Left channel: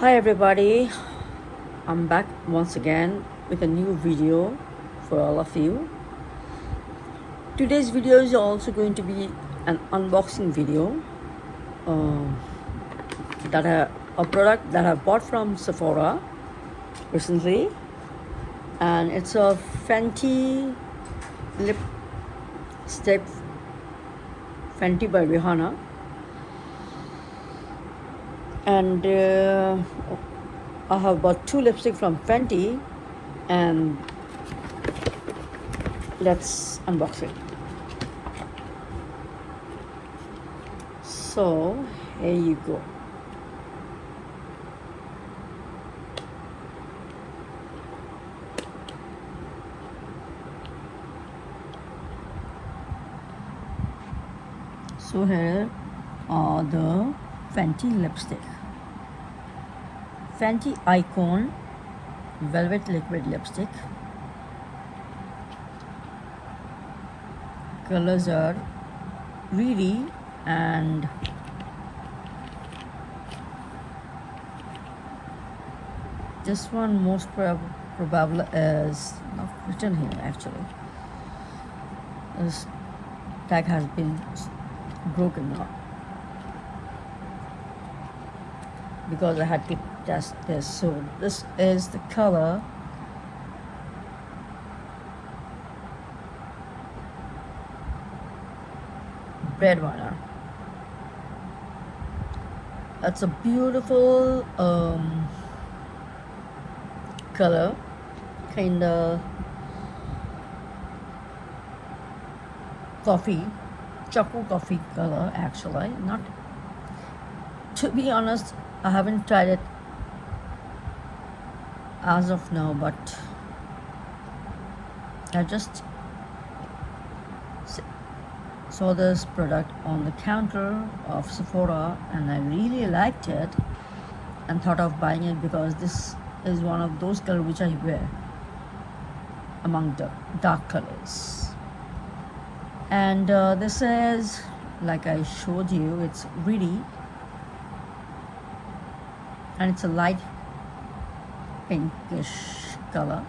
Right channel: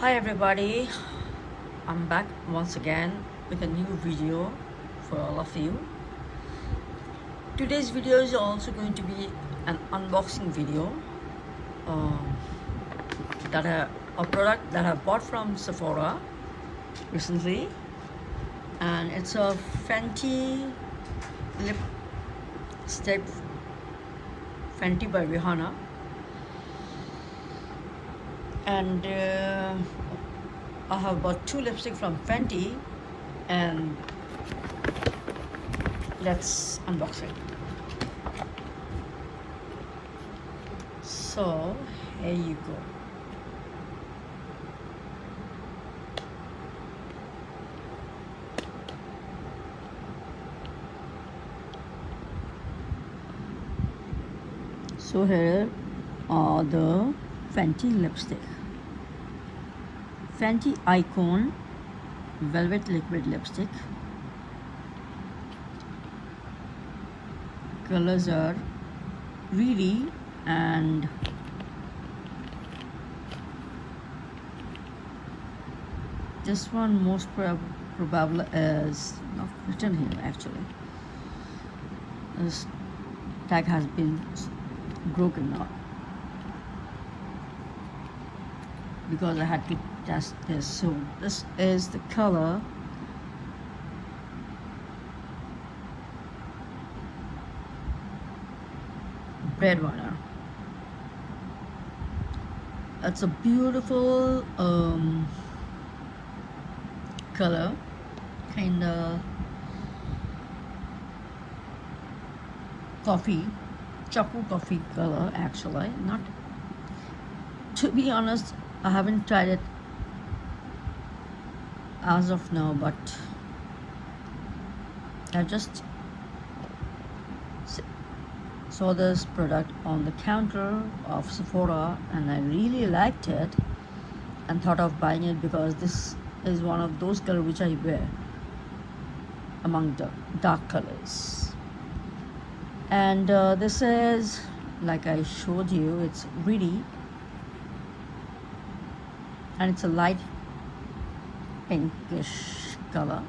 Hi everybody, I'm back once again with a new video for all of you. Today's video is also going to be an unboxing video a product that I bought from Sephora recently, and it's a Fenty lipstick, Fenty by Rihanna. And I have bought two lipsticks from Fenty, and let's unbox it. So here you go. So here are the Fenty lipstick. Fenty Icon Velvet Liquid Lipstick. Colors are RIRI and this one most probably is not written here actually. This tag has been broken now because I had to test this. So this is the color Breadwinner. That's a beautiful color, kinda chocolate coffee color actually. Not, to be honest, I haven't tried it as of now, but I just saw this product on the counter of Sephora and I really liked it and thought of buying it because this is one of those colors which I wear among the dark colors. And this is, like I showed you, it's RIRI and it's a light pinkish color.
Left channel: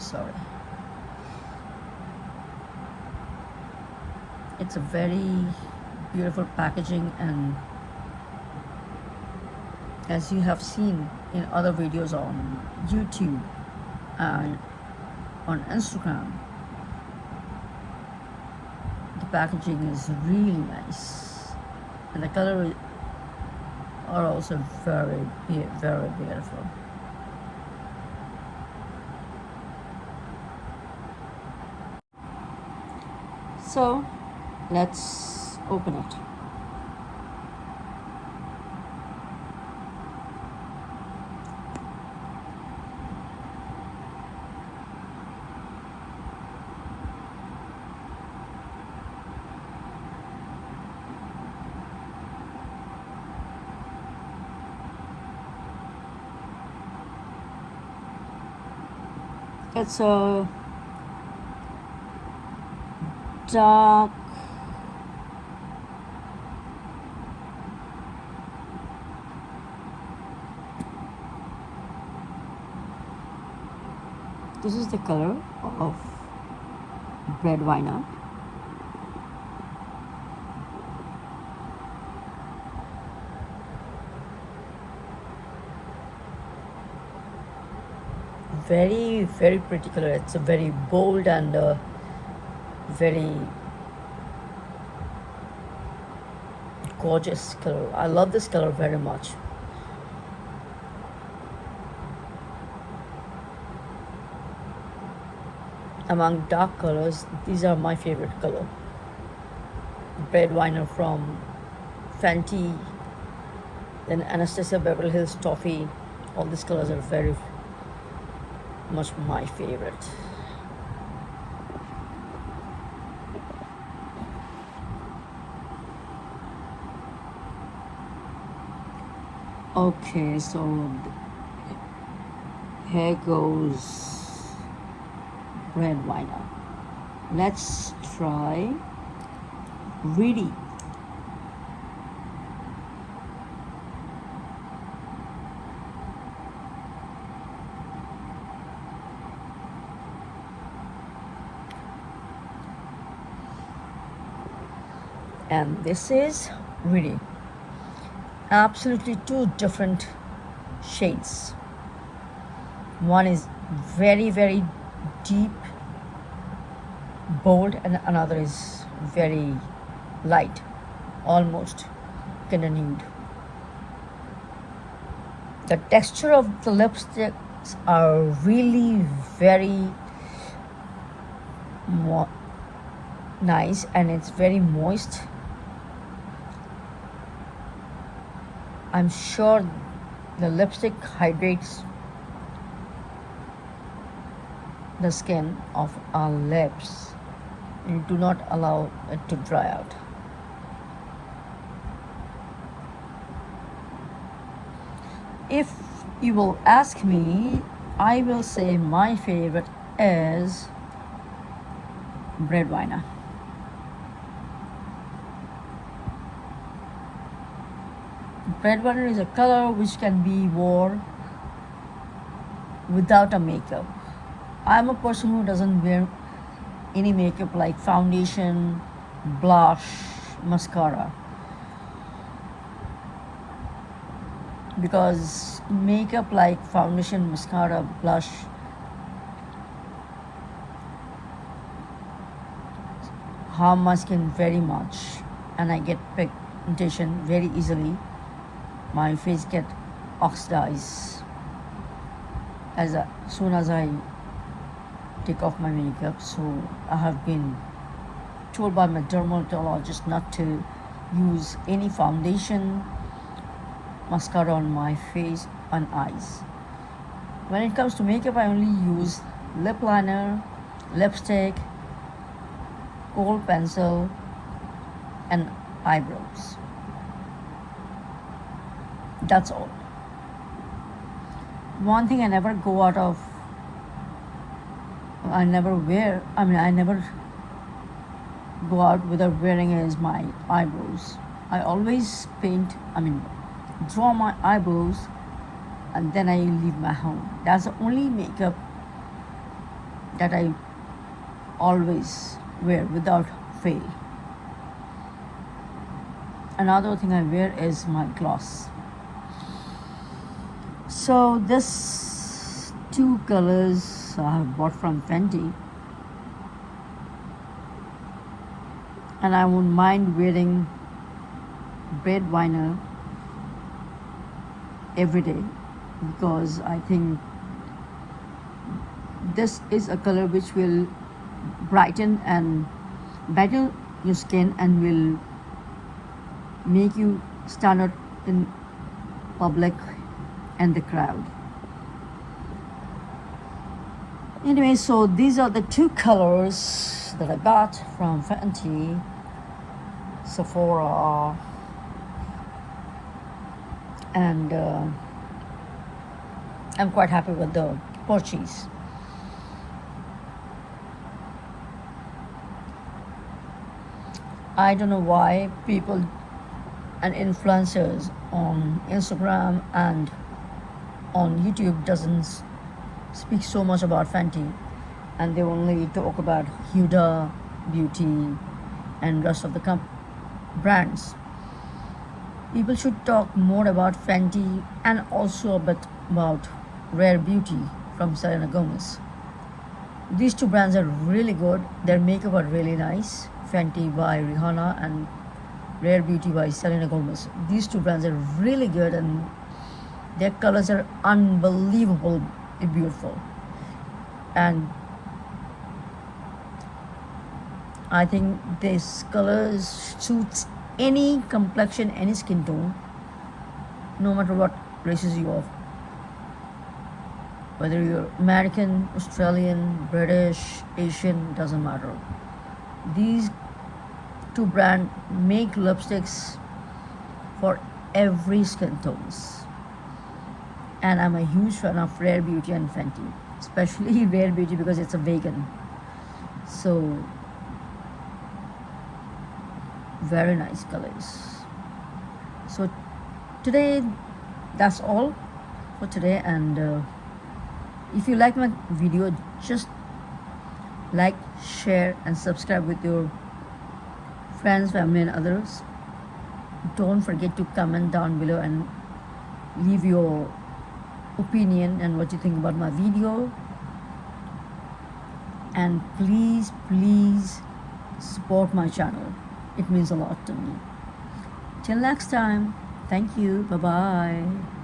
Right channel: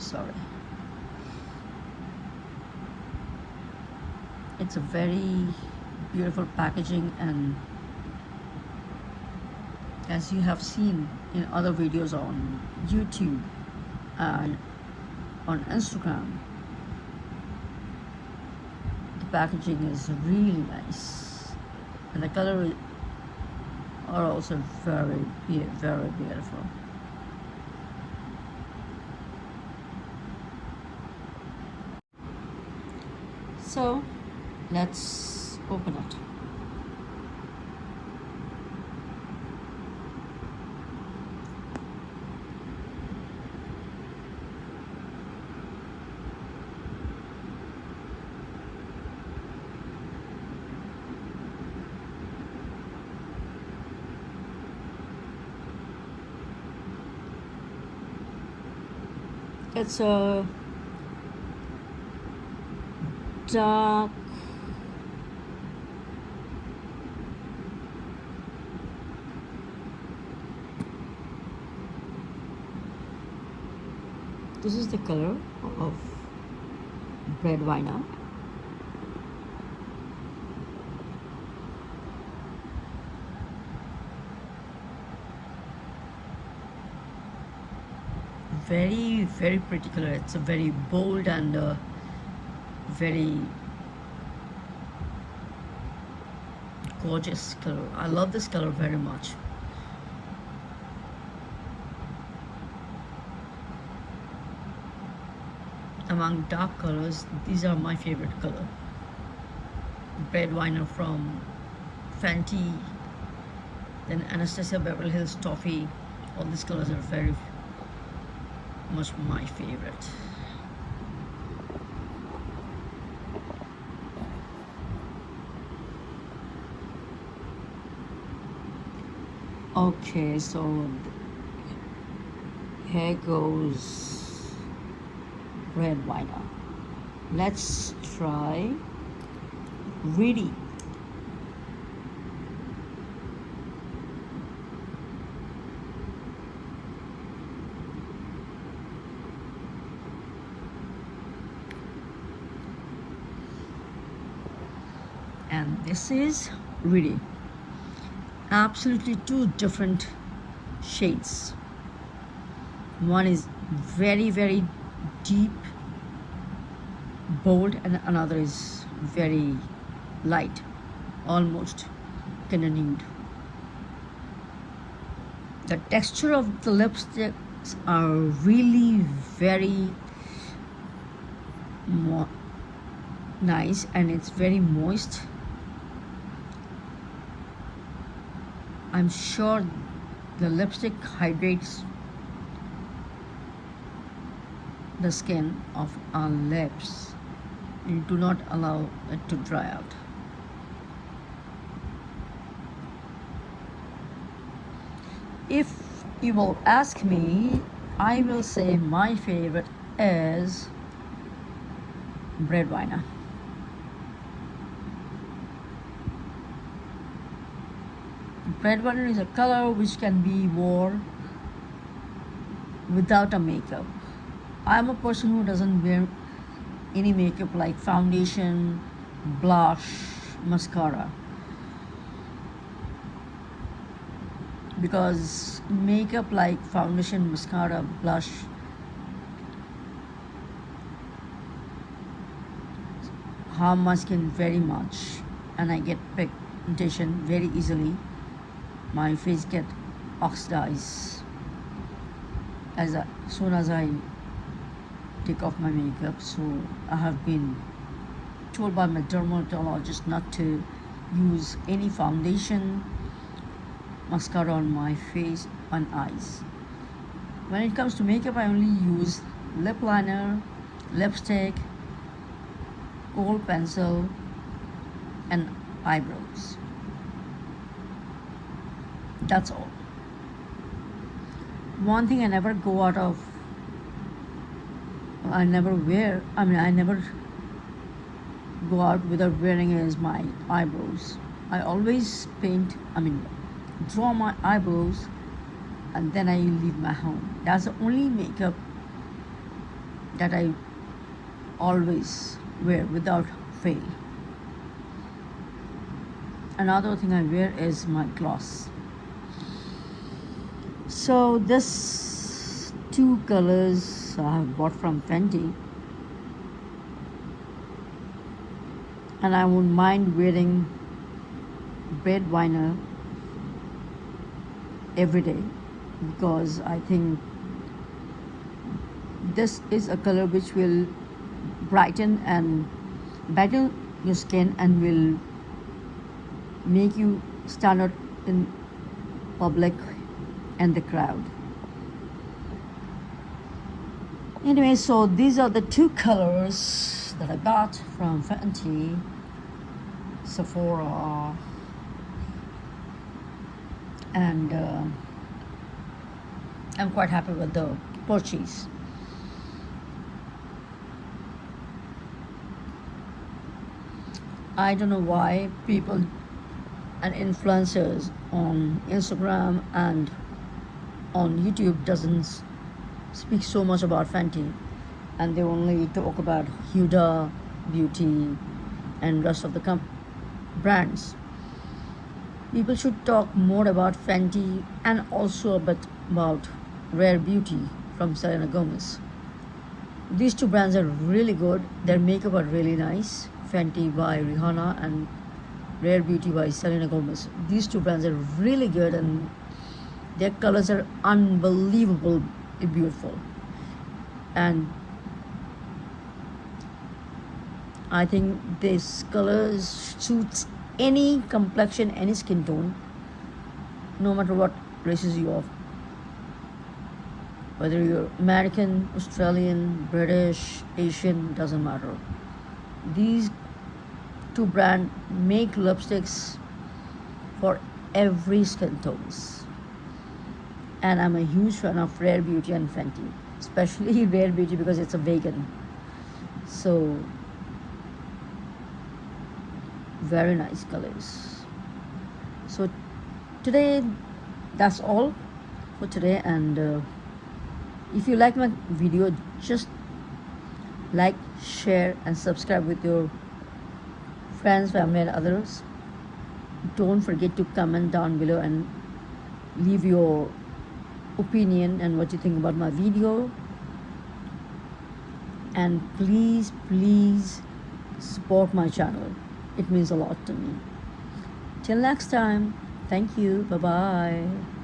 Sorry. It's a very beautiful packaging, and as you have seen in other videos on YouTube and on Instagram, the packaging is really nice and the colors are also very beautiful. So let's open it. It's a dark this is the color of Breadwinner. Very pretty color. It's a very bold and very gorgeous color. I love this color very much. Among dark colors, these are my favorite color. Breadwinner from Fenty, then Anastasia Beverly Hills Toffee. All these colors are very much my favorite. Okay, so here goes Breadwinner. Let's try RIRI. And this is RIRI. Absolutely two different shades. One is very, very deep, bold, and another is very light, almost kind of nude. The texture of the lipsticks are really very nice, and it's very moist. I'm sure the lipstick hydrates the skin of our lips and do not allow it to dry out. If you will ask me, I will say my favorite is Breadwinner. Breadwinner is a color which can be worn without a makeup. I'm a person who doesn't wear any makeup like foundation, blush, mascara, because makeup like foundation, mascara, blush harm my skin very much, and I get pigmentation very easily. My face gets oxidized as soon as I take off my makeup. So I have been told by my dermatologist not to use any foundation, mascara on my face and eyes. When it comes to makeup, I only use lip liner, lipstick, kohl pencil, and eyebrows. That's all. One thing I never go out of, I never go out without wearing is my eyebrows. I always draw my eyebrows and then I leave my home. That's the only makeup that I always wear without fail. Another thing I wear is my gloss. So this two colors I have bought from Fenty, and I won't mind wearing Breadwinner every day, because I think this is a color which will brighten and brighten your skin and will make you stand out in public and the crowd. Anyway, so these are the two colors that I got from Fenty, Sephora, and I'm quite happy with the purchase. I don't know why people and influencers on Instagram and on YouTube doesn't speak so much about Fenty, and they only talk about Huda Beauty and rest of the brands. People should talk more about Fenty and also a bit about Rare Beauty from Selena Gomez. These two brands are really good. Their makeup are really nice. Fenty by Rihanna and Rare Beauty by Selena Gomez. These two brands are really good, and their colors are unbelievably beautiful. And I think this color suits any complexion, any skin tone, no matter what races you are. Whether you're American, Australian, British, Asian, doesn't matter. These two brands make lipsticks for every skin tones. And I'm a huge fan of Rare Beauty and Fenty, especially Rare Beauty because it's a vegan. So very nice colors. So today, that's all for today. And if you like my video, just like, share and subscribe with your friends, family and others. Don't forget to comment down below and leave your opinion and what you think about my video. And please support my channel. It means a lot to me. Till next time, thank you. Bye bye.